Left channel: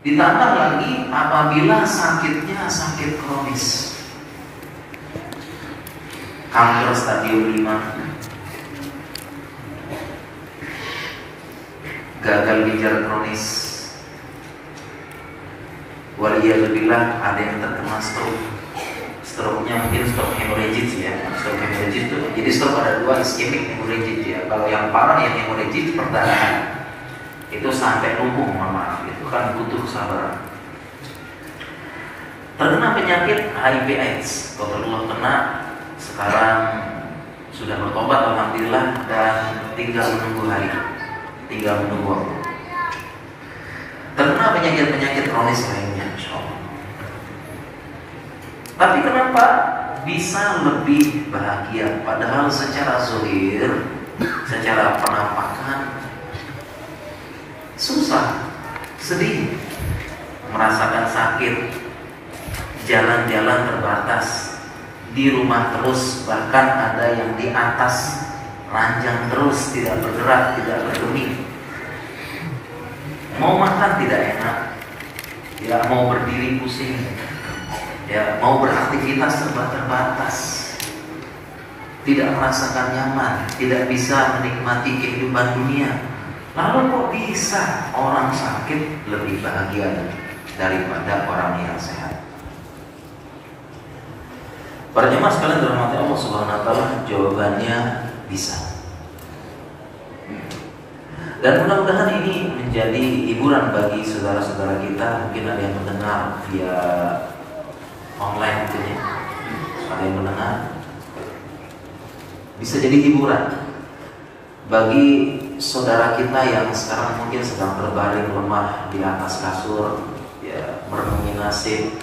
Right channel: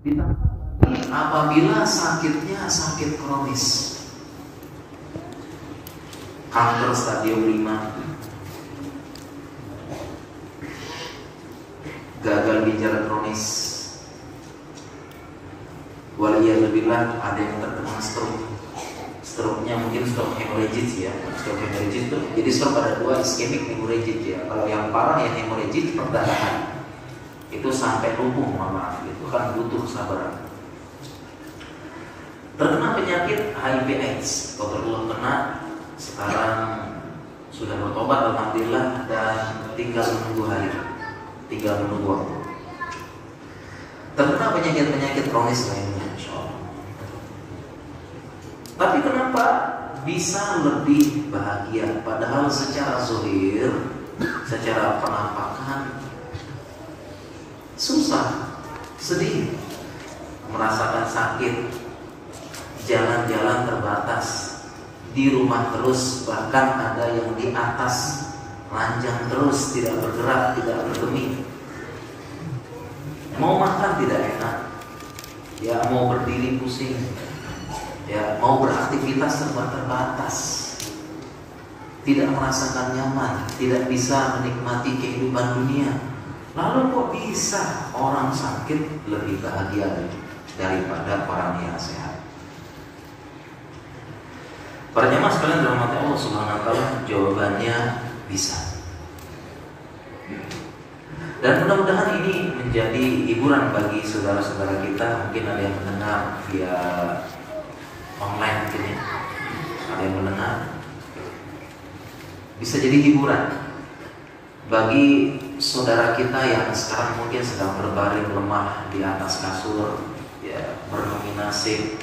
Ditambah lagi apabila sakitnya sakit kronis, kanker stadium 5, gagal ginjal kronis, waliyadzubillah ada yang terkena stroke. Stroke-nya mungkin stroke hemorrhagic ya. Stroke hemorrhagic itu, jadi stroke ada dua, ischemic hemorrhagic ya. Kalau yang parah yang hemorrhagic perdarahan, itu sampai lumpuh, maaf, itu kan butuh kesabaran. Terkena penyakit HIV/AIDS, total kena, sekarang sudah bertobat alhamdulillah dan tinggal menunggu hari, tinggal menunggu waktu. Terkena penyakit-penyakit kronis lainnya, insyaallah. Tapi kenapa bisa lebih bahagia? Padahal secara zahir, secara penampakan susah, sedih, merasakan sakit, jalan-jalan terbatas, di rumah terus, bahkan ada yang di atas ranjang terus, tidak bergerak, tidak bergeming. Mau makan tidak enak, ya mau berdiri pusing, ya mau beraktivitas serba terbatas, tidak merasakan nyaman, tidak bisa menikmati kehidupan dunia. Lalu kok bisa orang sakit lebih bahagia daripada orang yang sehat? Para jemaah sekalian dirahmati Allah Subhanahu wa taala, jawabannya bisa. Dan mudah-mudahan ini menjadi hiburan bagi saudara-saudara kita. Mungkin ada yang mendengar via online mungkin ya. Ada yang mendengar, bisa jadi hiburan bagi saudara kita yang sekarang mungkin sedang berbaring lemah di atas kasur, ya, merenungi nasib,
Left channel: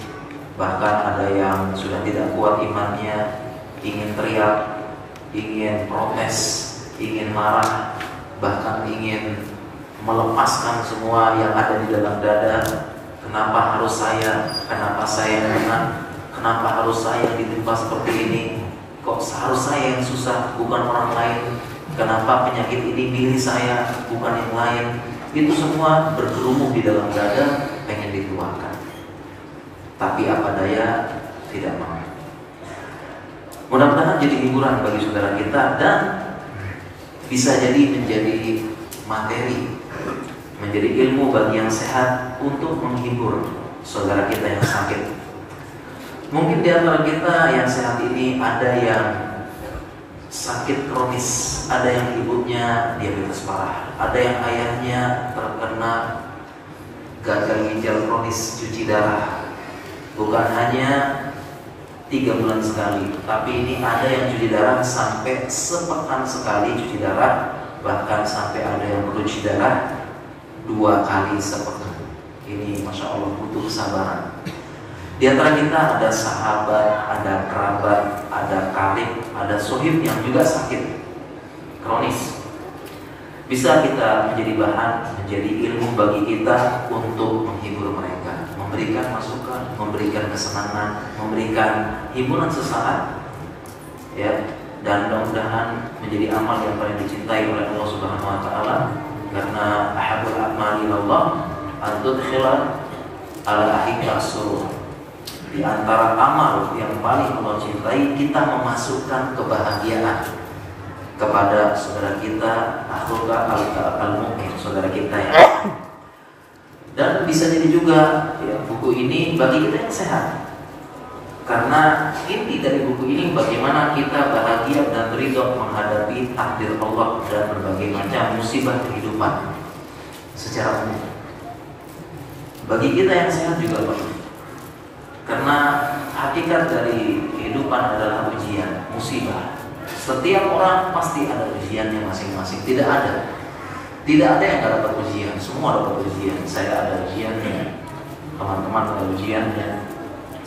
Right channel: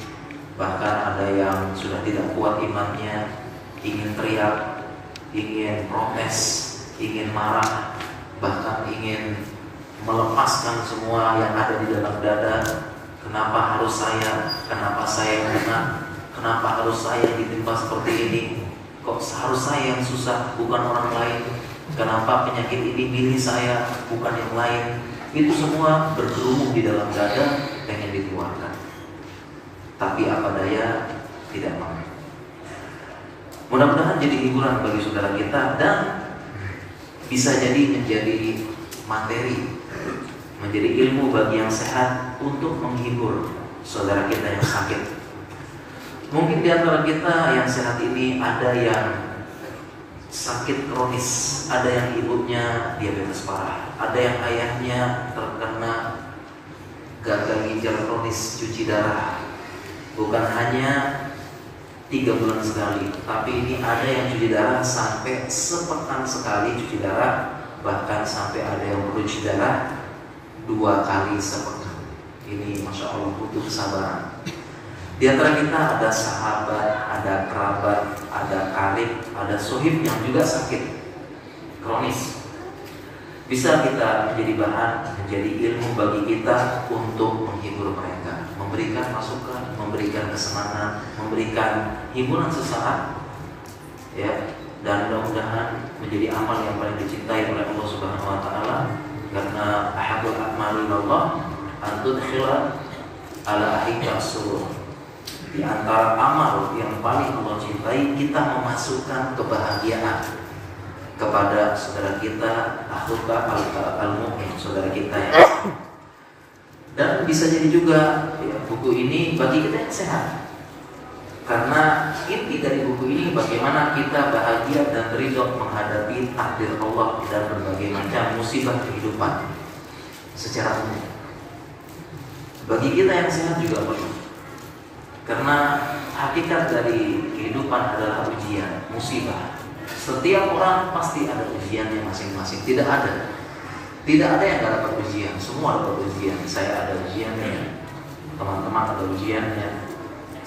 bahkan ada yang sudah tidak kuat imannya, ingin teriak, ingin protes, ingin marah, bahkan ingin melepaskan semua yang ada di dalam dada. Kenapa harus saya? Kenapa saya menang? Kenapa harus saya ditimpa seperti ini? Kok harus saya yang susah, bukan orang lain? Kenapa penyakit ini milih saya, bukan yang lain? Itu semua bergerumun di dalam dada, pengen dikeluarkan. Tapi apa daya, tidak mau. Mudah-mudahan jadi hiburan bagi saudara kita dan bisa jadi menjadi materi, menjadi ilmu bagi yang sehat untuk menghibur saudara kita yang sakit. Mungkin di antara kita yang sehat ini ada yang sakit kronis, ada yang ibunya diabetes parah, ada yang ayahnya terkena gagal ginjal kronis, cuci darah. Bukan hanya 3 bulan sekali, tapi ini ada yang cuci darah sampai sepekan sekali cuci darah, bahkan sampai ada yang perlu cuci darah 2 kali sepekan. Ini Masya Allah butuh kesabaran. Di antara kita ada sahabat, ada kerabat, ada karib, ada sohib yang juga sakit kronis. Bisa kita menjadi bahan, menjadi ilmu bagi kita untuk menghibur mereka, memberikan masukan, memberikan kesenangan, memberikan hiburan sesaat, ya. Dan mudah-mudahan menjadi amal yang paling dicintai oleh Allah Subhanahu wa taala, karena ahabul a'mali ilallah an tudkhila ala ahika as-surur. Di antara amal yang paling Allah cintai, kita memasukkan kebahagiaan kepada saudara kita, akhuka al-mu'min, saudara kita ya. Dan bisa jadi juga ya, buku ini bagi kita yang sehat. Karena inti dari buku ini bagaimana kita bahagia dan ridho menghadapi takdir Allah dan berbagai macam musibah kehidupan secara umum. Bagi kita yang sehat juga perlu. Karena hakikat dari kehidupan adalah ujian, musibah. Setiap orang pasti ada ujiannya masing-masing. Tidak ada yang tidak dapat ujian. Semua dapat ujian. Saya ada ujiannya, teman-teman ada ujiannya,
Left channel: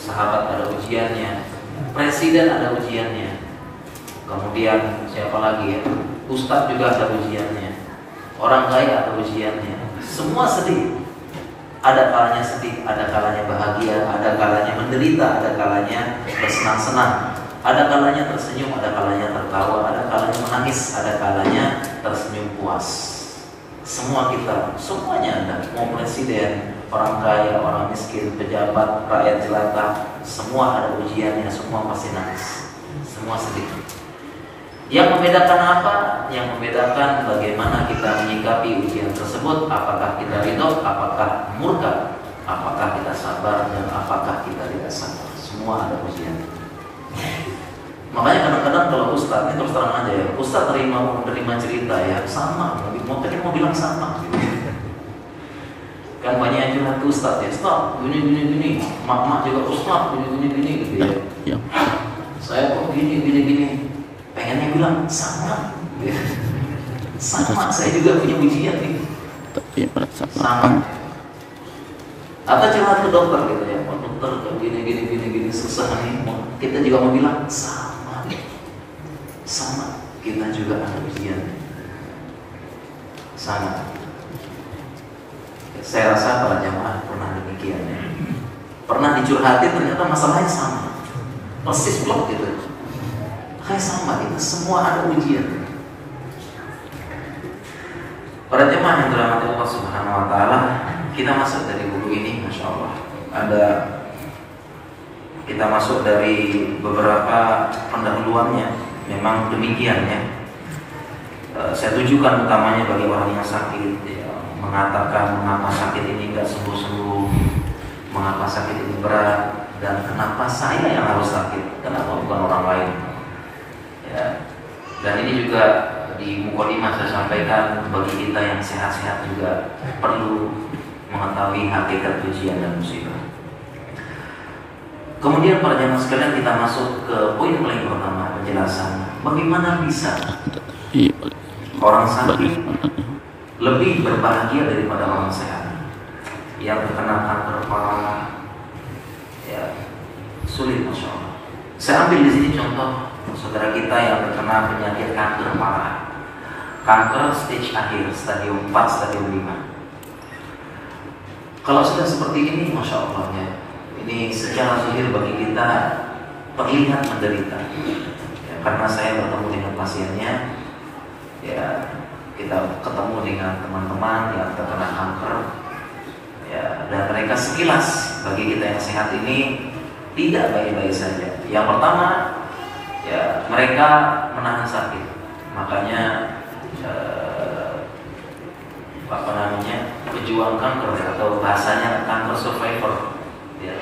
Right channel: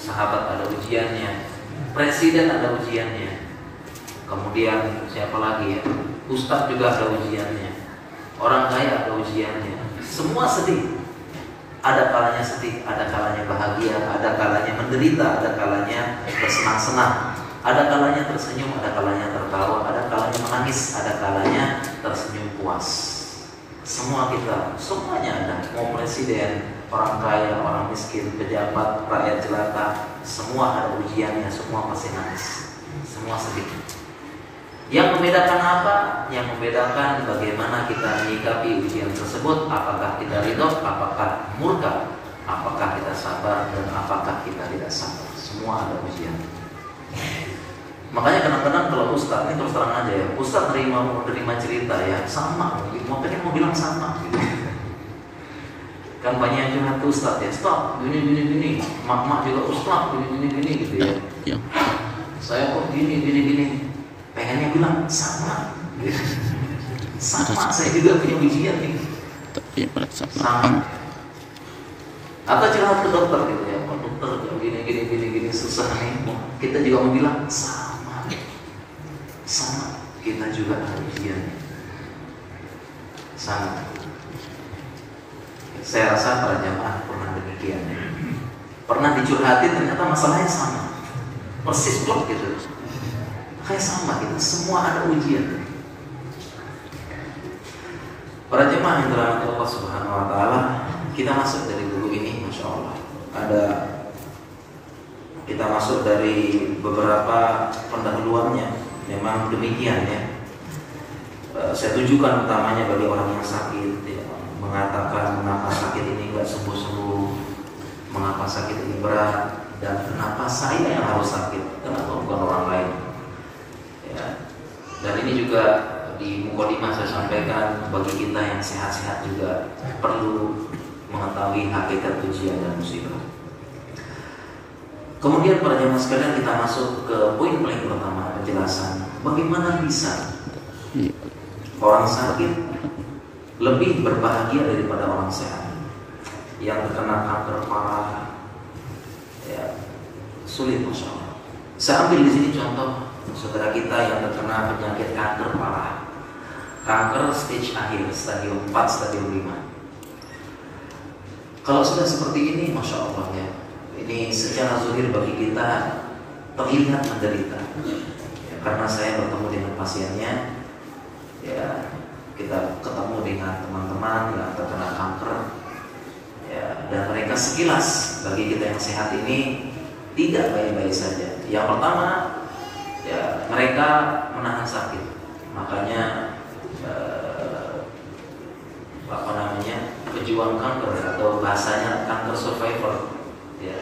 sahabat ada ujiannya, presiden ada ujiannya. Kemudian siapa lagi ya? Ustadz juga ada ujiannya. Orang kaya ada ujiannya. Semua sedih. Ada kalanya sedih, ada kalanya bahagia, ada kalanya menderita, ada kalanya bersenang-senang, ada kalanya tersenyum, ada kalanya tertawa, ada kalanya menangis, ada kalanya tersenyum puas. Semua kita, semuanya ada. Mau presiden, orang kaya, orang miskin, pejabat, rakyat jelata, semua ada ujiannya, semua pasti nangis, semua sedih. Yang membedakan apa? Yang membedakan bagaimana kita menyikapi ujian tersebut. Apakah kita ridho, apakah murka, apakah kita sabar, dan apakah kita tidak sabar. Semua ada ujian. Makanya kadang-kadang kalau Ustaz, ini terus terang aja ya, Ustaz menerima cerita ya sama, mau bilang sama. Kan banyak yang curhat ke Ustaz ya, Ustaz gini, mak juga Ustaz gini gitu ya. Saya kok gini. Pengennya bilang sama, saya juga punya ujian nih. Tapi merasa sama. Atau curhat ke dokter gitu ya, Pak dokter kalau gini susah nih. Kita juga mau bilang sama, kita juga ada ujian, sama. Saya rasa para jamaah pernah demikian ya. Pernah dicurhati ternyata masalahnya sama, persis blok gitu. Kayak sama kita, semua ada ujian. Para jemaah yang dirahmati Allah Subhanahu wa taala, kita masuk dari buku ini, Masya Allah. Kita masuk dari beberapa pendahuluannya. Memang demikian ya. Saya tujukan utamanya bagi orang yang sakit ya, mengatakan mengapa sakit ini enggak sembuh-sembuh, mengapa sakit ini berat, dan kenapa saya yang harus sakit, kenapa bukan orang lain. Ya. Dan ini juga di mukadimah saya sampaikan, bagi kita yang sehat-sehat juga perlu mengetahui hakikat ujian dan musibah. Kemudian para jamaah sekalian, kita masuk ke poin paling pertama, penjelasan bagaimana bisa orang sakit lebih berbahagia daripada orang sehat yang terkena kanker parah. Ya, sulit, Masya Allah. Saya ambil di sini contoh saudara kita yang terkena penyakit kanker parah, kanker stage akhir, stadium 4, stadium 5. Kalau sudah seperti ini, Masya Allah ya, ini secara zahir bagi kita terlihat menderita ya, karena saya bertemu dengan pasiennya ya, kita ketemu dengan teman-teman yang terkena kanker ya, dan mereka sekilas bagi kita yang sehat ini tidak baik-baik saja. Yang pertama ya, mereka menahan sakit, makanya pejuang kanker atau bahasanya kanker survivor ya,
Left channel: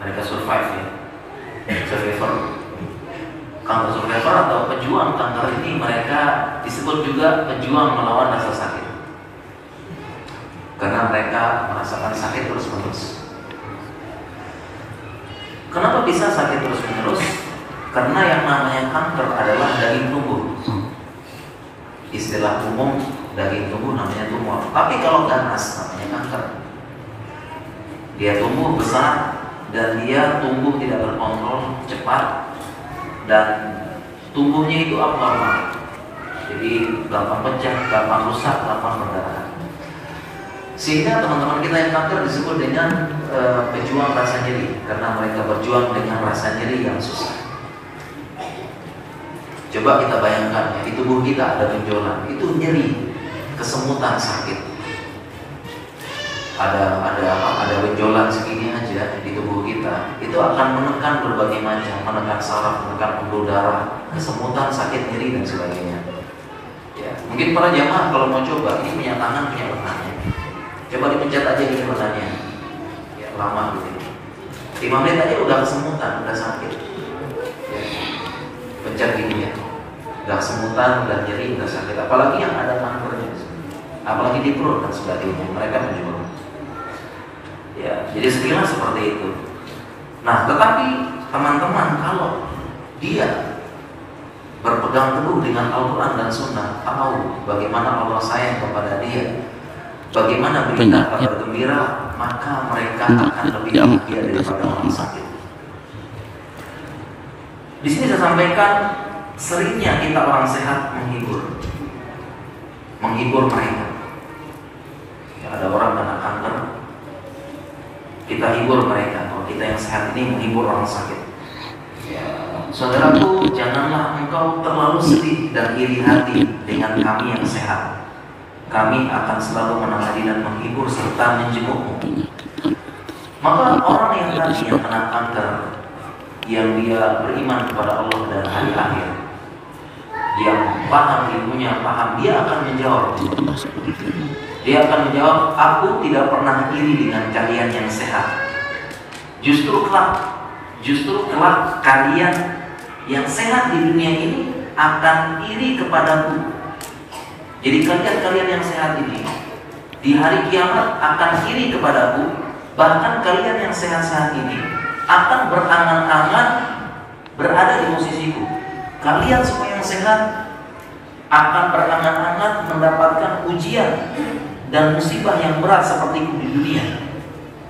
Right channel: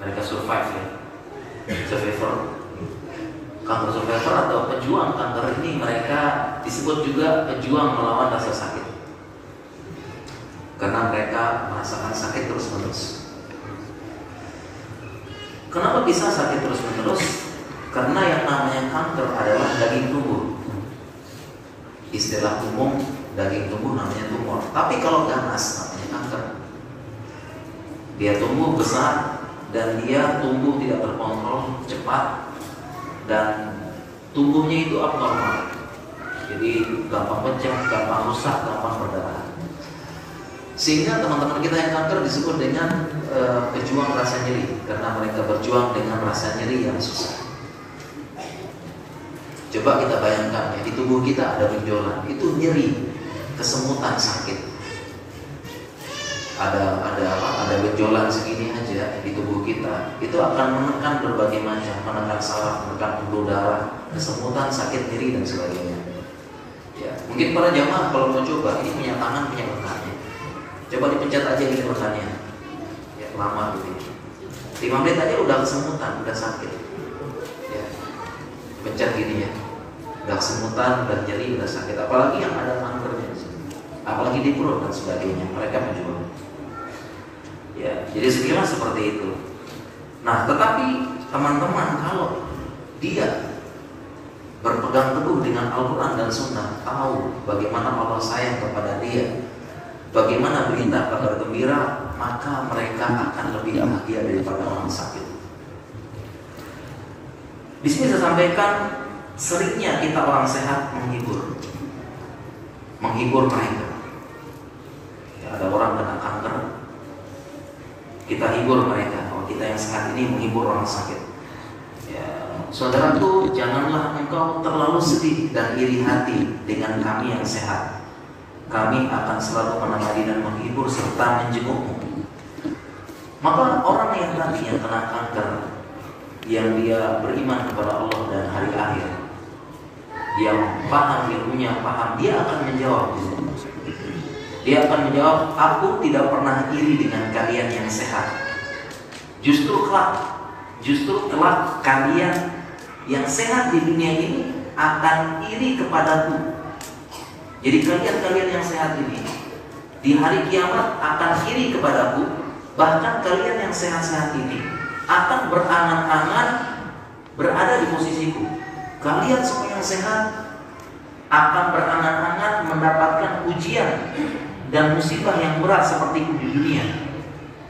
mereka survive ya, survivor, kanker survivor atau pejuang kanker ini mereka disebut juga pejuang melawan rasa sakit karena mereka merasakan sakit terus-menerus. Kenapa bisa sakit terus-menerus? Karena yang namanya kanker adalah daging tumbuh. Istilah umum daging tumbuh namanya tumor. Tapi kalau ganas namanya kanker. Dia tumbuh besar dan dia tumbuh tidak terkontrol, cepat, dan tumbuhnya itu abnormal. Jadi gampang pecah, gampang rusak, gampang berdarah. Sehingga teman-teman kita yang kanker disebut dengan pejuang rasa nyeri, karena mereka berjuang dengan rasa nyeri yang susah. Coba kita bayangkan ya, di tubuh kita ada benjolan, itu nyeri, kesemutan, sakit. Ada benjolan segini aja di tubuh kita, itu akan menekan berbagai macam, menekan saraf, menekan pembuluh darah, kesemutan, sakit, nyeri dan sebagainya. Ya, mungkin para jamaah kalau mau coba, ini punya tangan, punya lengannya. Coba dipencet aja di lengannya, ya lama gitu. 5 menit aja udah kesemutan, udah sakit. Ya, pencet gini ya. Udah kesemutan, udah nyeri, udah sakit. Apalagi yang ada kankernya, apalagi di perut dan sebagainya, mereka menjual. Ya, jadi sekilas seperti itu. Nah, tetapi teman-teman kalau dia berpegang teguh dengan Al-Quran dan Sunnah, tahu bagaimana Allah sayang kepada dia, bagaimana berita kabar gembira, maka mereka akan lebih bahagia daripada orang sakit. Di sini saya sampaikan, seringnya kita orang sehat menghibur mereka. Ya, ada orang kena kanker, kita hibur mereka. Kalau kita yang sehat ini menghibur orang sakit. Ya, saudaraku, janganlah engkau terlalu sedih dan iri hati dengan kami yang sehat. Kami akan selalu menemani dan menghibur serta menjengukmu. Maka orang yang tadi yang kena kanker, yang dia beriman kepada Allah dan hari akhir, yang paham ilmunya, paham, dia akan menjawab. Dia akan menjawab, aku tidak pernah iri dengan kalian yang sehat. Justru kelak kalian yang sehat di dunia ini akan iri kepadaku. Jadi kalian yang sehat ini di hari kiamat akan iri kepadaku. Bahkan kalian yang sehat-sehat ini akan berangan-angan berada di posisiku. Kalian semua yang sehat akan berangan-angan mendapatkan ujian dan musibah yang berat seperti itu di dunia.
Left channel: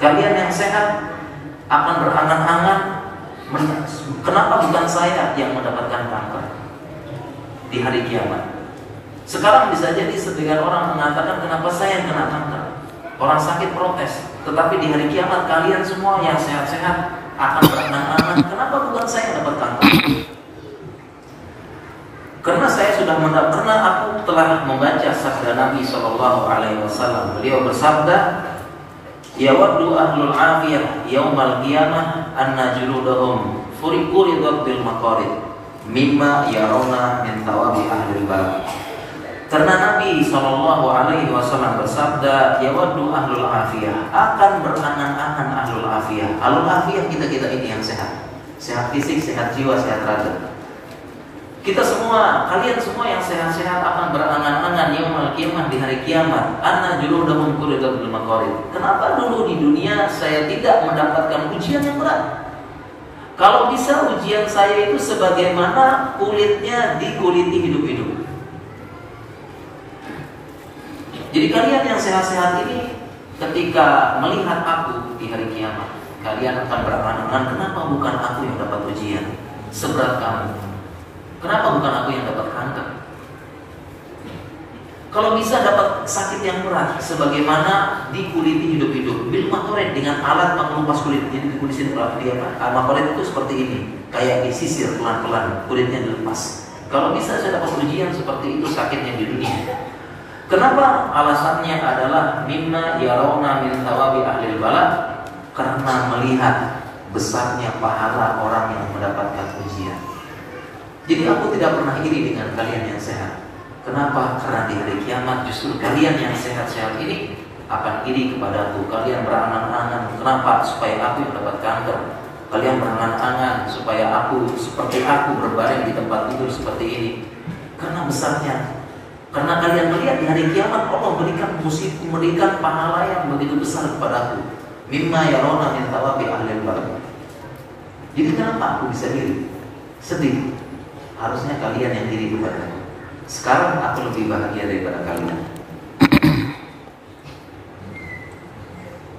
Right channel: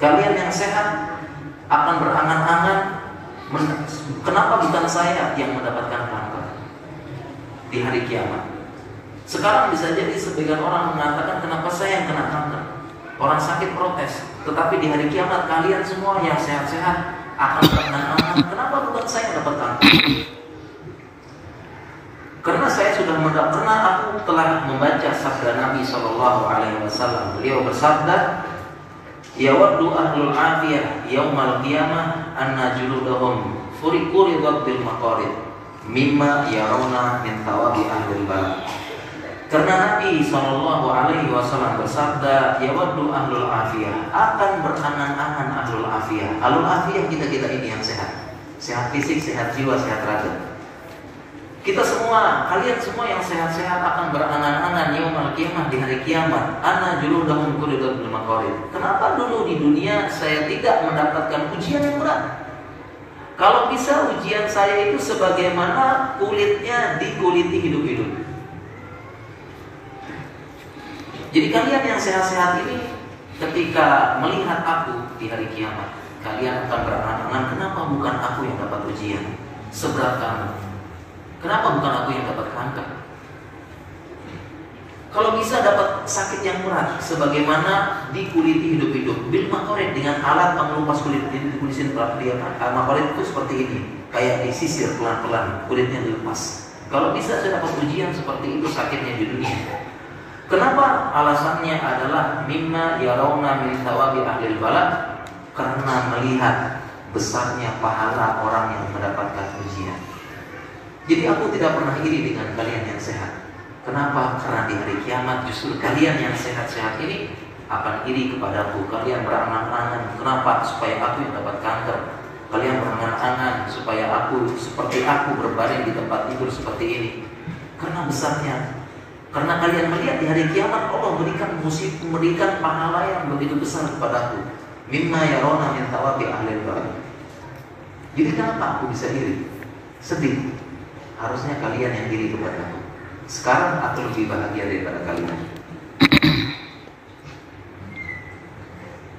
Kalian yang sehat akan berangan-angan, kenapa bukan saya yang mendapatkan kanker di hari kiamat. Sekarang bisa jadi sebagian orang mengatakan, kenapa saya yang kena kanker? Orang sakit protes. Tetapi di hari kiamat kalian semua yang sehat-sehat akan berangan-angan, kenapa bukan saya yang dapat kanker? Karena aku telah membaca sabda Nabi SAW. Beliau bersabda, yawaddu ahlul afiyah yaumal qiyamah anna juludahum furiquridat bil maqarid mimma yarawna min thawabi ahlil balad. Karena Nabi SAW bersabda, yawaddu ahlul afiyah, akan berangan-angan ahlul afiyah. Ahlul afiyah kita ini yang sehat, sehat fisik, sehat jiwa, sehat raga. Kita semua, kalian semua yang sehat-sehat akan berangan-angan yaumul qiyamah, di hari kiamat, anna juludahum furiquridat bil maqarid. Kenapa dulu di dunia saya tidak mendapatkan ujian yang berat? Kalau bisa ujian saya itu sebagaimana kulitnya dikuliti hidup-hidup. Jadi kalian yang sehat-sehat ini ketika melihat aku di hari kiamat, kalian akan berangan-angan, kenapa bukan aku yang dapat ujian seberat kamu? Kenapa bukan aku yang dapat kanker? Kalau bisa dapat sakit yang berat sebagaimana dikuliti hidup-hidup bil maqarid, dengan alat pengelupas kulit. Jadi dikulisin maqarid itu seperti ini, kayak disisir pelan-pelan, kulitnya dilepas. Kalau bisa saya dapat ujian seperti itu sakitnya di dunia. Kenapa? Alasannya adalah mimma yarawna min thawabi ahlil balad, karena melihat besarnya pahala orang yang mendapatkan ujian. Jadi aku tidak pernah iri dengan kalian yang sehat. Kenapa? Karena di hari kiamat justru kalian yang sehat-sehat ini akan iri kepadaku. Kalian berangan-angan, kenapa? Supaya aku yang dapat kanker. Kalian berangan-angan supaya aku seperti aku berbaring di tempat tidur seperti ini. Karena besarnya. Karena kalian melihat di hari kiamat Allah memberikan pahala yang begitu besar kepadaku. Mimma yarawna min thawabi ahlil balad. Jadi kenapa aku bisa iri? Sedih. Harusnya kalian yang iri kepadaku. Sekarang aku lebih bahagia daripada kalian.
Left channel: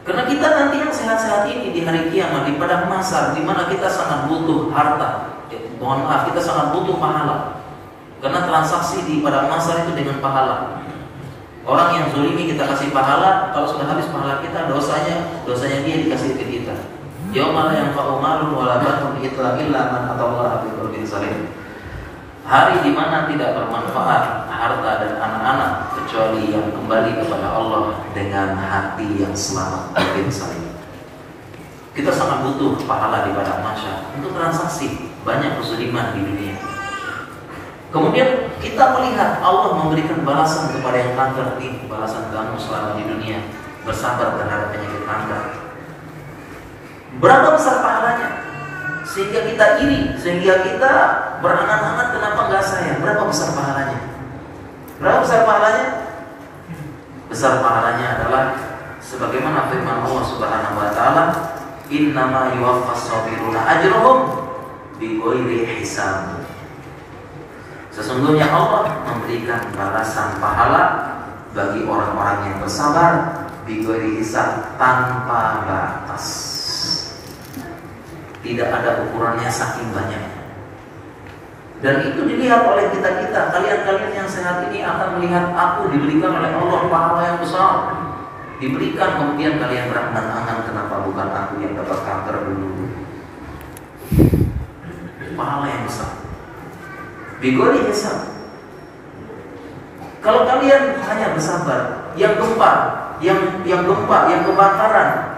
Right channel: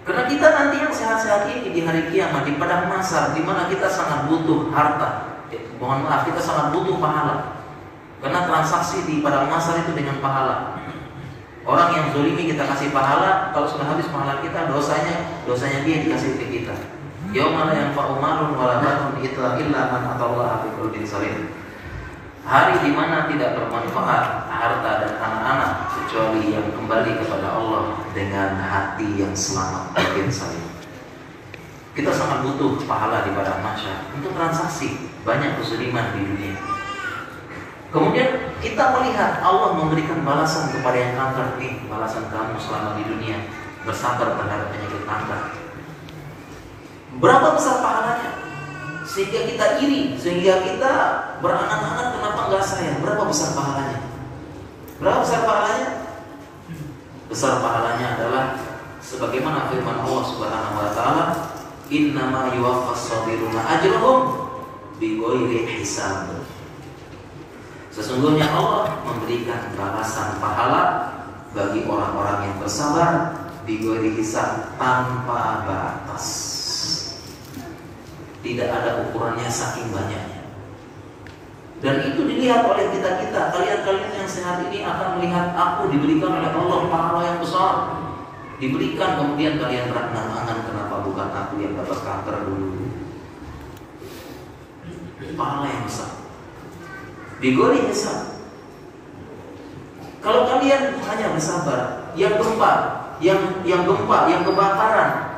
Karena kita nanti yang sehat-sehat ini di hari kiamat, di padang mahsyar, di mana kita sangat butuh harta. Mohon maaf, kita sangat butuh pahala. Karena transaksi di padang mahsyar itu dengan pahala. Orang yang zalimi kita kasih pahala, kalau sudah habis pahala kita, dosanya dia dikasih ke kita. Yauma la yanfa'u malun wala banun illa man atallaha biqalbin salim. Hari di mana tidak bermanfaat harta dan anak-anak kecuali yang kembali kepada Allah dengan hati yang selamat dan salim. Kita sangat butuh pahala di padang mahsyar untuk transaksi banyak kezaliman di dunia. Kemudian kita melihat Allah memberikan balasan kepada yang kanker ini, balasan kamu selama di dunia bersabar terhadap penyakit kanker. Berapa besar pahalanya? Sehingga kita iri, sehingga kita berangan-angan, kenapa enggak saya? Berapa besar pahalanya? Berapa besar pahalanya? Besar pahalanya adalah sebagaimana firman Allah Subhanahu wa taala, innama yuwaffas sabiruna ajrahum bighairi hisab. Sesungguhnya Allah memberikan balasan pahala bagi orang-orang yang bersabar bighairi hisab, tanpa batas. Tidak ada ukurannya saking banyaknya. Dan itu dilihat oleh kita-kita. Kalian yang sehat ini akan melihat aku diberikan oleh Allah pahala yang besar. Diberikan, kemudian kalian berangan-angan, kenapa bukan aku yang dapat kanker dulu? Pahala yang besar. Bigori hisab. Kalau kalian hanya bersabar, yang gempa, yang kebakaran,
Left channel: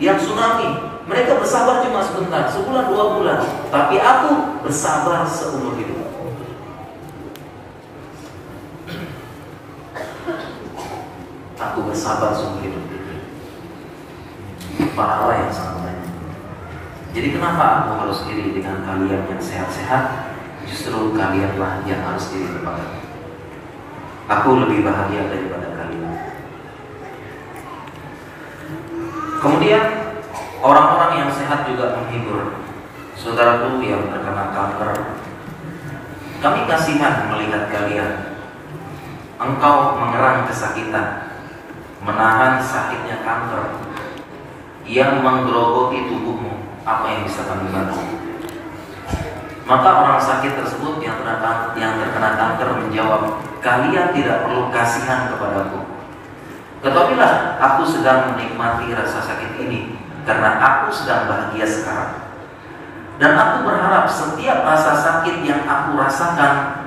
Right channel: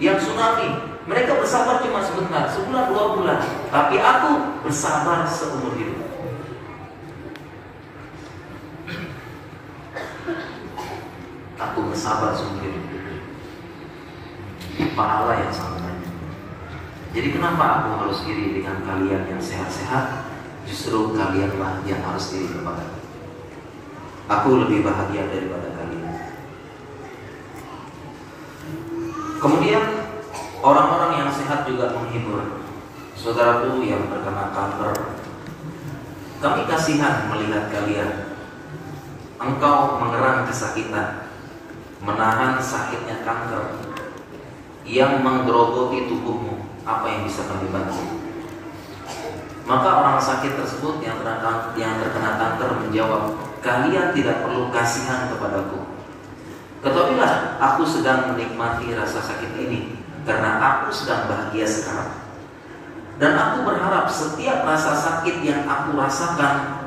yang tsunami, mereka bersabar cuma sebentar, sebulan 2 bulan, tapi aku bersabar seumur hidup. Aku bersabar seumur hidup. Pahala yang sangat banyak. Jadi kenapa aku harus iri dengan kalian yang sehat-sehat? Justru kalianlah yang harus iri kepada aku. Aku lebih bahagia daripada kalian. Kemudian orang-orang yang sehat juga menghibur saudaraku yang terkena kanker. Kami kasihan melihat kalian. Engkau mengerang kesakitan, menahan sakitnya kanker yang menggerogoti tubuhmu. Apa yang bisa kami bantu? Maka orang sakit tersebut yang terkena kanker menjawab, kalian tidak perlu kasihan kepadaku. Ketahuilah, aku sedang menikmati rasa sakit ini karena aku sedang bahagia sekarang. Dan aku berharap setiap rasa sakit yang aku rasakan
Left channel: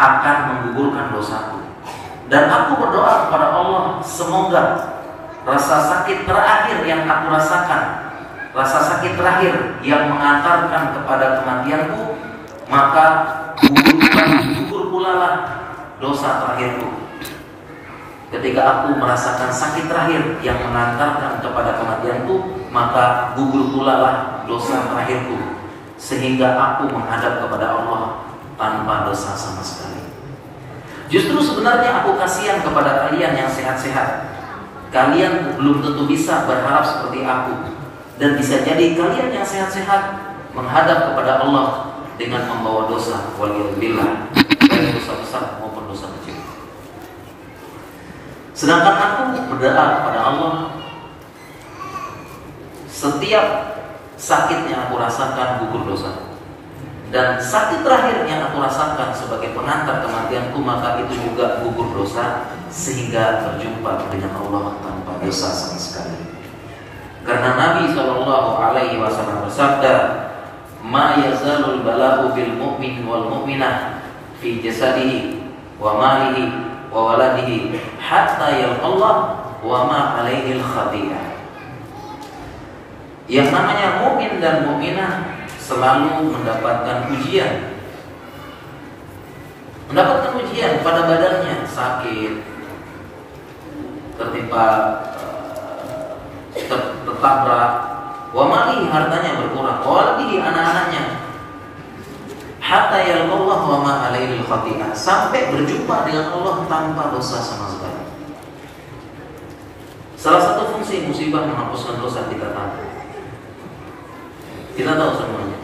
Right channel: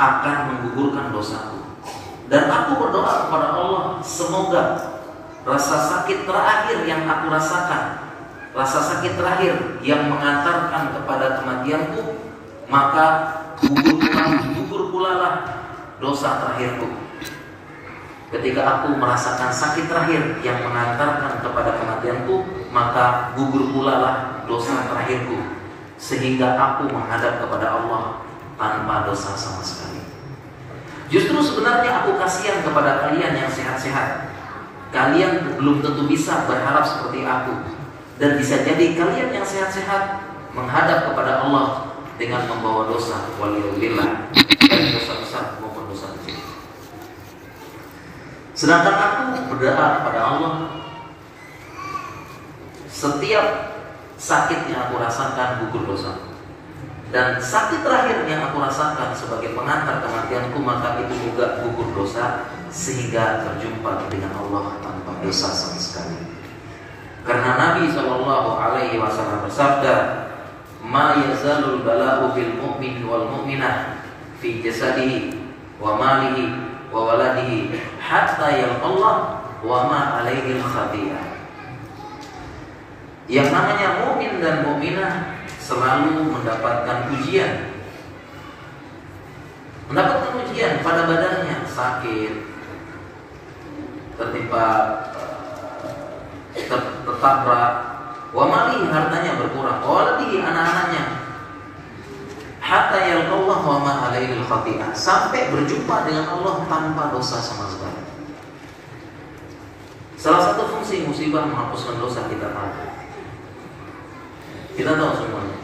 akan menggugurkan dosaku. Dan aku berdoa kepada Allah, semoga rasa sakit terakhir yang aku rasakan, rasa sakit terakhir yang mengantarkan kepada kematianku, maka gugur pula lah dosa terakhirku. Ketika aku merasakan sakit terakhir yang mengantarkan kepada kematianku, maka gugur pula lah dosa terakhirku, sehingga aku menghadap kepada Allah tanpa dosa sama sekali. Justru sebenarnya aku kasihan kepada kalian yang sehat-sehat. Kalian belum tentu bisa berharap seperti aku. Dan bisa jadi kalian yang sehat-sehat menghadap kepada Allah dengan membawa dosa, waliyadzubillah, baik dosa besar maupun dosa kecil. Sedangkan aku berdoa kepada Allah, setiap sakit yang aku rasakan gugur dosa. Dan sakit terakhir yang aku rasakan sebagai pengantar kematianku, maka itu juga gugur dosa, sehingga berjumpa dengan Allah tanpa dosa sama sekali. Karena Nabi SAW bersabda, "Ma yazalul bala'u bil mu'min wal mu'minah fi jasadihi wa malihi wa waladihi hatta yalqallah wa ma 'alaihi al-khati'ah." Yang namanya mukmin dan mukminah selalu mendapatkan ujian. Mendapatkan ujian pada badannya, sakit, tertimpa tertabrak, wa mali, hartanya berkurang, wa waladihi, anak-anaknya, hatta yalqallah wa ma 'alaihi al-khati'ah, sampai berjumpa dengan Allah tanpa dosa sama sekali. Salah satu fungsi musibah menghapuskan dosa kita tahu. Kita tahu semuanya.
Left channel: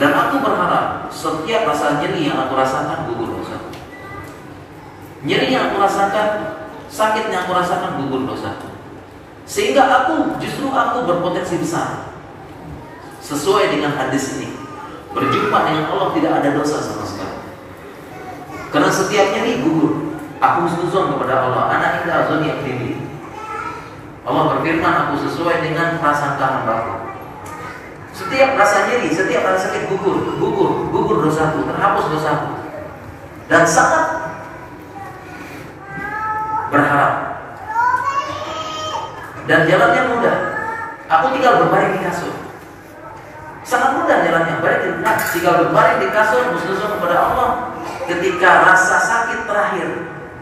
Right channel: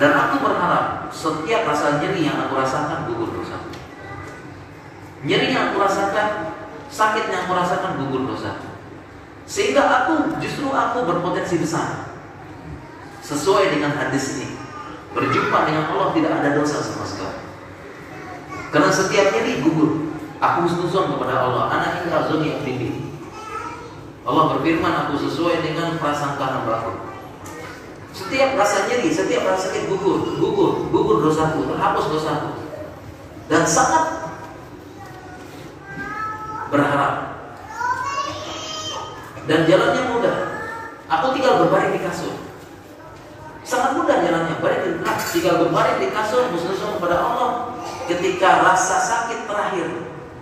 Dan aku berharap setiap rasa nyeri yang aku rasakan gugur dosa. Nyeri yang aku rasakan, sakit yang aku rasakan gugur dosa. Sehingga justru aku berpotensi besar. Sesuai dengan hadis ini, berjumpa dengan Allah tidak ada dosa sama sekali. Karena setiap nyeri gugur. Aku husnuzon kepada Allah, ana inda azoni abdi. Allah berfirman, aku sesuai dengan prasangka hambaku. Setiap rasa nyeri, setiap rasa sakit gugur dosaku, terhapus dosaku. Dan sangat berharap. Dan jalannya mudah. Aku tinggal berbaring di kasur. Sangat mudah jalannya. Tinggal berbaring di kasur, husnuzon kepada Allah. Ketika rasa sakit terakhir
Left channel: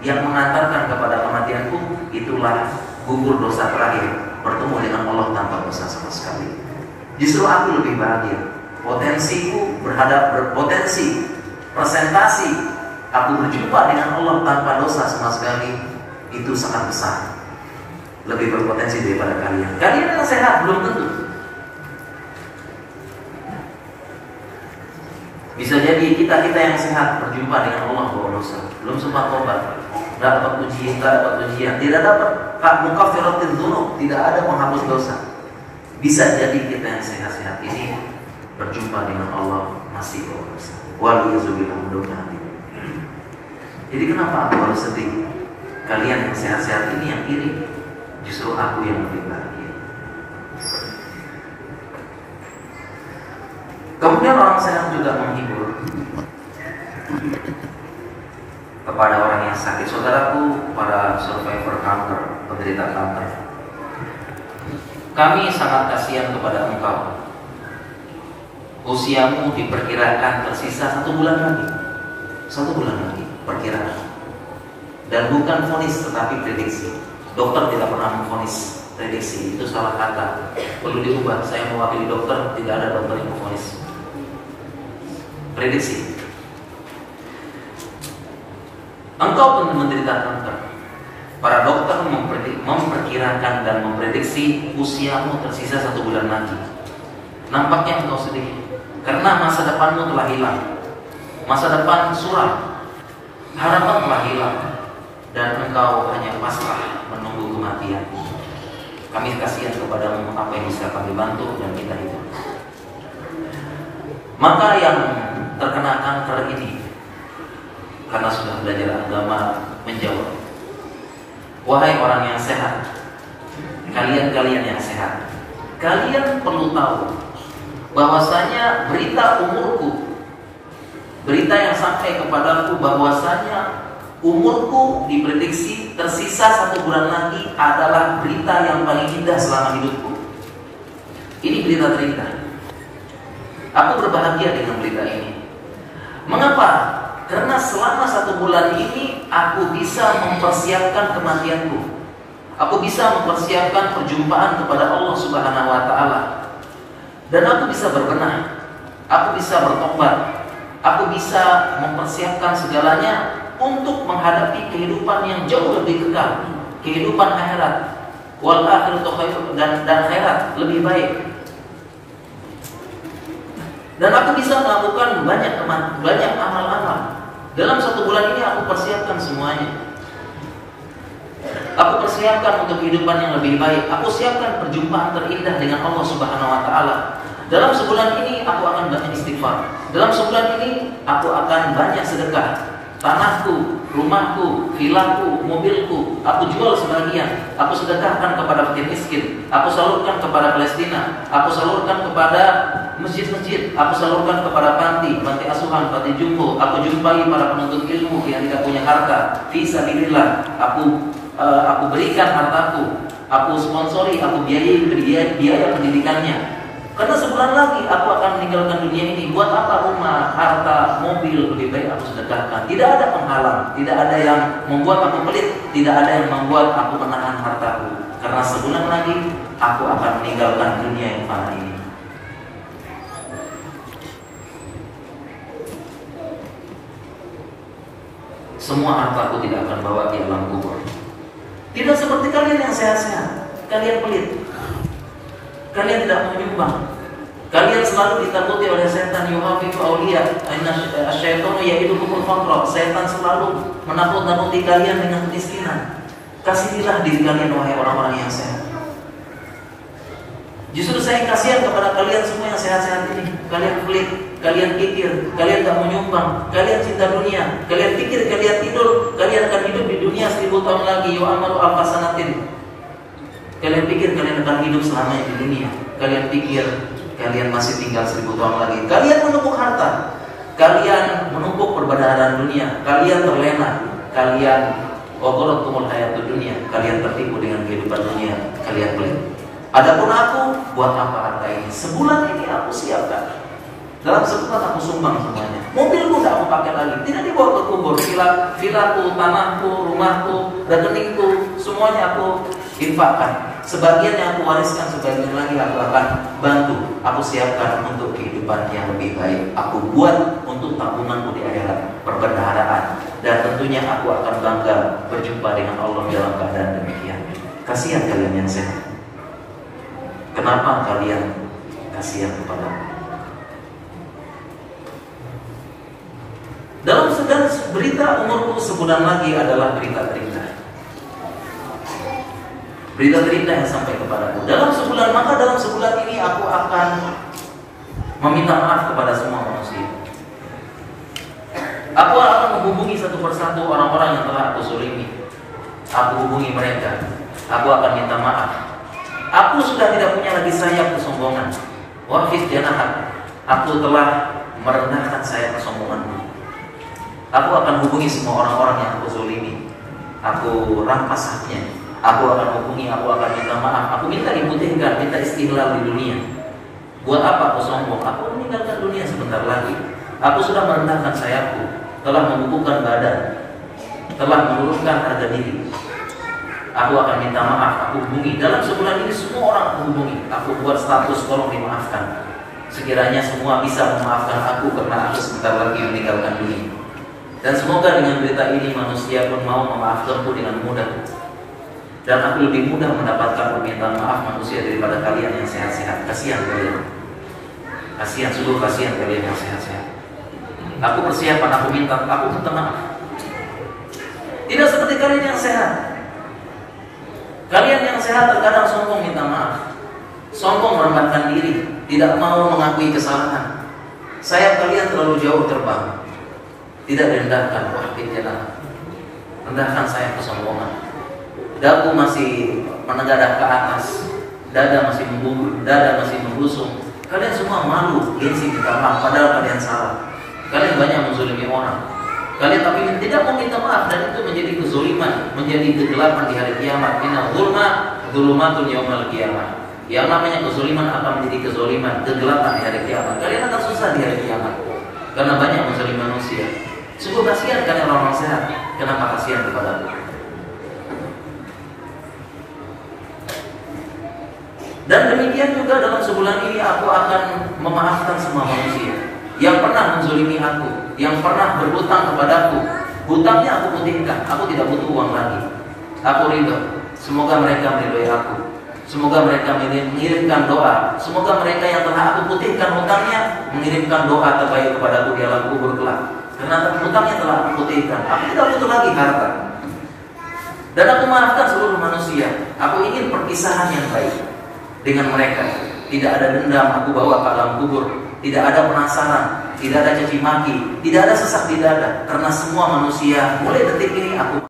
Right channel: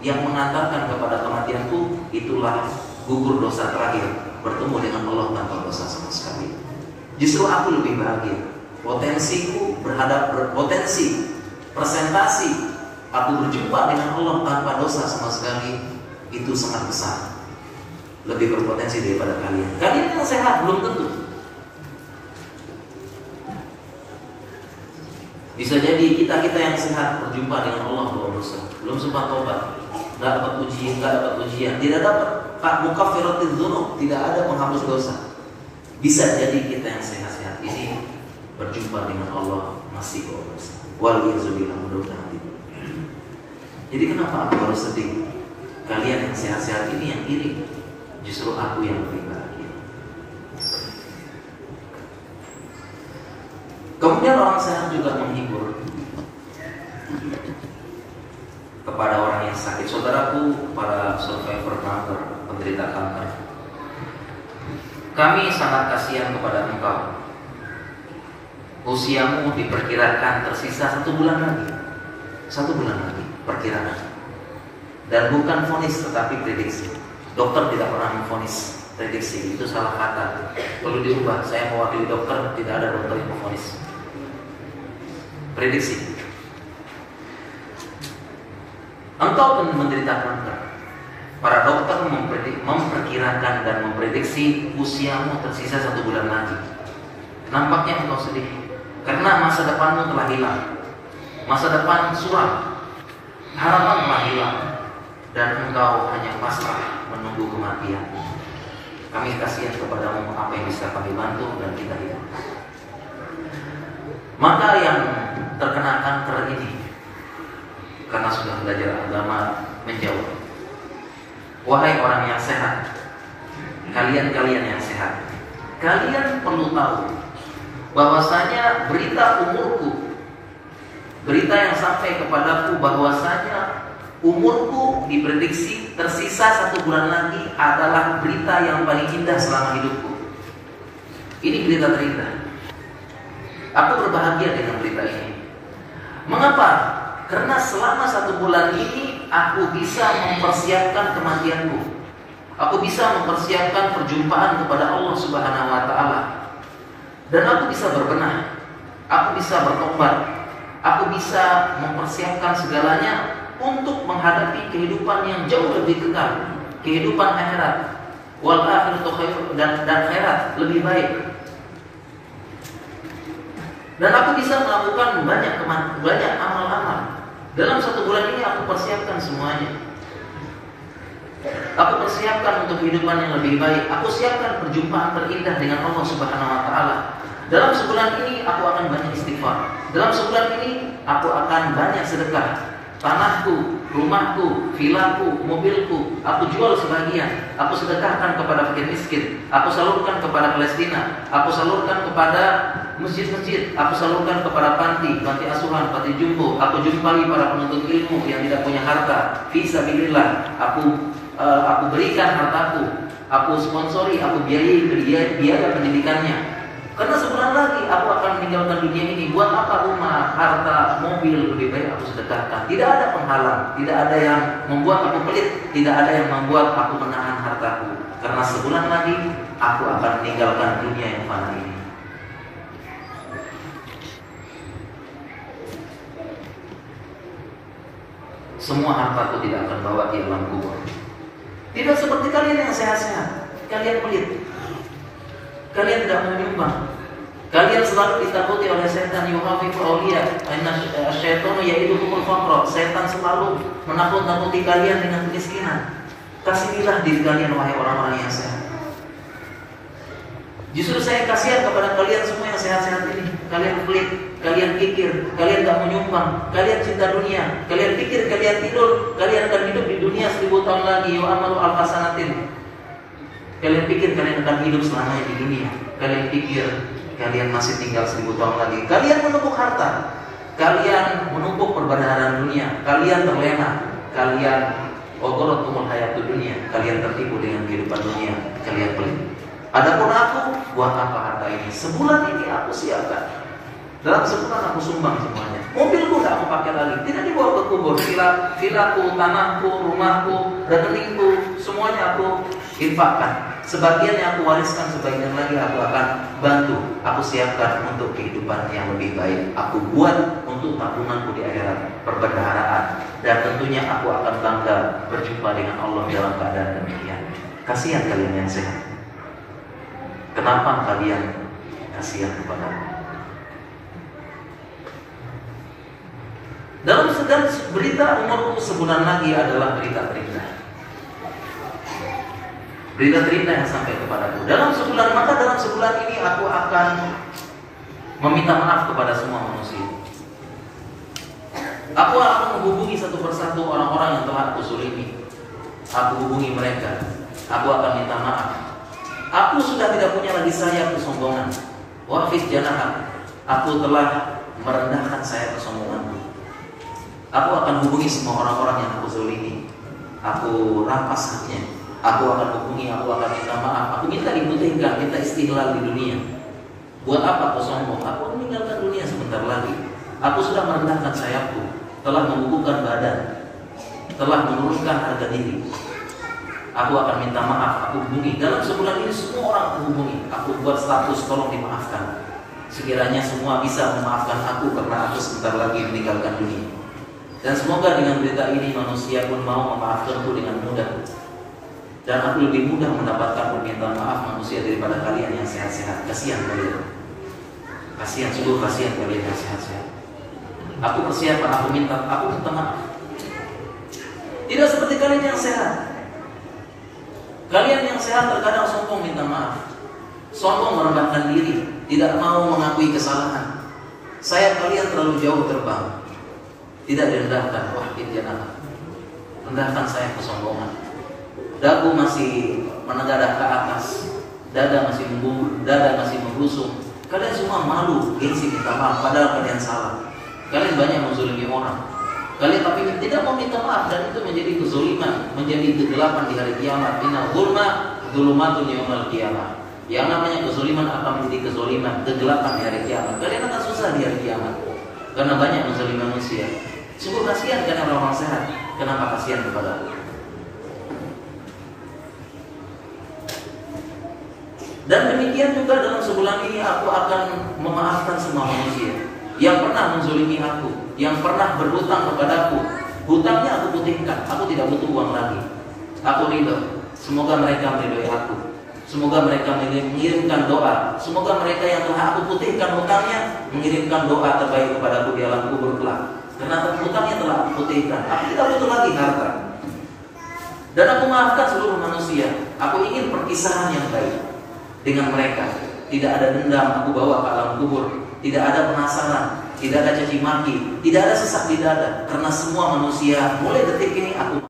yang mengantarkan kepada kematianku, itulah gugur dosa terakhir, bertemu dengan Allah tanpa dosa sama sekali. Justru aku lebih bahagia. Potensiku berpotensi, presentasi aku berjumpa dengan Allah tanpa dosa sama sekali, itu sangat besar. Lebih berpotensi daripada kalian. Kalian yang sehat belum tentu. Bisa jadi kita yang sehat berjumpa dengan Allah bawa dosa, belum sempat tobat, tidak dapat ujian, tidak dapat mukaffiratul dzunub, tidak ada penghapus dosa. Bisa jadi kita yang sehat-sehat ini berjumpa dengan Allah masih bawa dosa. Waliyadzubillah, mudah-mudahan. Jadi kenapa aku harus sedih? Kalian yang sehat-sehat ini yang iri. Justru aku yang lebih bahagia. Kemudian orang sehat juga menghibur kepada orang yang sakit. Saudaraku, para survivor kanker, penderita kanker, kami sangat kasihan kepada engkau. Usiamu diperkirakan tersisa 1 bulan lagi. 1 bulan lagi perkiraan. Dan bukan vonis tetapi prediksi. Dokter tidak pernah memvonis, prediksi itu salah kata. Perlu diubah. Saya mewakili dokter, tidak ada dokter yang memvonis. Prediksi. Engkau pun menderita kanker. Para dokter memperkirakan dan memprediksi usiamu tersisa 1 bulan lagi. Nampaknya engkau sedih karena masa depanmu telah hilang. Masa depan suram, harapan telah hilang, dan engkau hanya pasrah menunggu kematian. Kami kasihan kepadamu, apa yang bisa kami bantu dan kita hidup. Maka yang terkena kanker ini, karena sudah belajar agama, menjawab, wahai orang yang sehat, kalian yang sehat, kalian perlu tahu bahwasanya berita umurku, berita yang sampai kepadaku bahwasanya umurku diprediksi tersisa 1 bulan lagi adalah berita yang paling indah selama hidupku. Ini berita terindah. Aku berbahagia dengan berita ini. Mengapa? Karena selama 1 bulan ini aku bisa mempersiapkan kematianku. Aku bisa mempersiapkan perjumpaan kepada Allah Subhanahu wa Ta'ala. Dan aku bisa berbenah, aku bisa bertobat, aku bisa mempersiapkan segalanya untuk menghadapi kehidupan yang jauh lebih kekal, kehidupan akhirat. Wal akhiratu khairun, dan akhirat lebih baik. Dan aku bisa melakukan banyak amal-amal. Dalam 1 bulan ini aku persiapkan semuanya. Aku persiapkan untuk kehidupan yang lebih baik. Aku siapkan perjumpaan terindah dengan Allah Subhanahu wa Ta'ala. Dalam sebulan ini aku akan banyak istighfar. Dalam sebulan ini aku akan banyak sedekah. Tanahku, rumahku, vilaku, mobilku, aku jual sebagian. Aku sedekahkan kepada fakir miskin. Aku salurkan kepada Palestina. Aku salurkan kepada masjid-masjid. Aku salurkan kepada panti asuhan, panti jumbo. Aku jumpai para penuntut ilmu yang tidak punya harta. Fi sabilillah. Aku berikan hartaku. Aku sponsori, aku biaya pendidikannya. Karena sebulan lagi aku akan meninggalkan dunia ini. Buat apa rumah, harta, mobil, lebih baik aku sedekahkan. Tidak ada penghalang, tidak ada yang membuat aku pelit, tidak ada yang membuat aku menahan hartaku. Karena sebulan lagi aku akan meninggalkan dunia yang fana ini. Semua hartaku tidak akan bawa di alam kubur. Tidak seperti kalian yang sehat-sehat. Kalian pelit. Kalian tidak menyumbang. Kalian selalu ditakuti oleh setan. Yuhafifu awliya asyaitonu ya'idukumul faqra. Setan selalu menakut-nakuti kalian dengan kemiskinan. Kasihilah diri kalian, wahai orang-orang yang sehat. Justru saya kasihan kepada kalian semua yang sehat-sehat ini. Kalian pelit, kalian pikir, kalian gak menyumbang, kalian cinta dunia, kalian pikir, kalian tidur, kalian akan hidup di dunia 1000 tahun lagi. Yu'amaru al-fasanatin. Kalian pikir kalian akan hidup selamanya di dunia. Kalian pikir kalian masih tinggal 1000 tahun lagi. Kalian menumpuk harta, kalian menumpuk perbedaan dunia, kalian terlena, kalian ogorotumul hayatud dunia, kalian tertipu dengan kehidupan dunia, kalian pelit. Adapun aku, buat apa harta ini? Sebulan ini aku siapkan. Dalam sebulan aku sumbang semuanya. Mobilku tidak mau pakai lagi, tidak dibawa ke kubur. Vilaku, tanahku, rumahku, rekeningku, semuanya aku infakkan. Sebagian yang aku wariskan, sebagian lagi aku akan bantu. Aku siapkan untuk kehidupan yang lebih baik. Aku buat untuk tabunganku di akhirat, perbendaharaan. Dan tentunya aku akan bangga berjumpa dengan Allah dalam keadaan demikian. Kasihan kalian yang sehat. Kenapa kalian kasihan kepada aku? Dalam sedang berita umurku sebulan lagi adalah berita terindah. Berita terindah yang sampai kepadaku. Dalam sebulan, maka dalam sebulan ini aku akan meminta maaf kepada semua manusia. Aku akan menghubungi satu persatu orang-orang yang telah aku zalimi. Aku hubungi mereka. Aku akan minta maaf. Aku sudah tidak punya lagi sayap kesombongan. Waqif janahat. Aku telah merendahkan sayap kesombonganku. Aku akan hubungi semua orang-orang yang aku zalimi. Aku rampas haknya. Aku akan hubungi, aku akan minta maaf. Aku minta diputihkan, minta istiqlal di dunia. Buat apa aku sombong? Aku meninggalkan dunia sebentar lagi. Aku sudah merendahkan sayapku, telah membukukan badan, telah menurunkan harga diri. Aku akan minta maaf, aku hubungi. Dalam sebulan ini semua orang aku hubungi. Aku buat status, tolong dimaafkan. Sekiranya semua bisa memaafkan aku karena aku sebentar lagi meninggalkan dunia. Dan semoga dengan berita ini manusia pun mau memaafkanku dengan mudah. Dan aku lebih mudah mendapatkan permintaan maaf manusia daripada kalian yang sehat-sehat. Kasihan kalian. Kasihan, sungguh kasihan kalian yang sehat-sehat. Aku persiapan, aku minta maaf. Tidak seperti kalian yang sehat. Kalian yang sehat terkadang sombong minta maaf, sombong merendahkan diri, tidak mau mengakui kesalahan. Sayap kalian terlalu jauh terbang, tidak direndahkan. Wah, tidak. Rendahkan sayap kesombongan. Dagu masih menegadah ke atas, dada masih membungkuk, dada masih membusung. Kalian semua malu, gengsi minta maaf, padahal kalian salah. Kalian banyak menzalimi orang. Kalian tapi tidak mau minta maaf, dan itu menjadi kezaliman, menjadi kegelapan di hari kiamat. Inna dzulma dzulumatun yaumal qiyamah. Yang namanya kezaliman akan menjadi kezaliman, kegelapan di hari kiamat. Kalian akan susah di hari kiamat karena banyak menzalimi manusia. Sungguh kasihan kan orang-orang sehat. Kenapa kasihan kepada aku? Dan demikian juga dalam sebulan ini aku akan memaafkan semua manusia yang pernah menzalimi aku, yang pernah berhutang kepadaku. Hutangnya aku putihkan, aku tidak butuh uang lagi. Aku ridho. Semoga mereka meridhoi aku. Semoga mereka mengirimkan doa. Semoga mereka yang telah aku putihkan hutangnya mengirimkan doa terbaik kepadaku di alam kubur kelak. Karena hutangnya telah aku putihkan. Aku tidak butuh lagi harta. Dan aku maafkan seluruh manusia. Aku ingin perpisahan yang baik dengan mereka. Tidak ada dendam aku bawa ke alam kubur. Tidak ada penasaran, tidak ada caci maki, tidak ada sesak di dada. Karena semua manusia mulai detik ini aku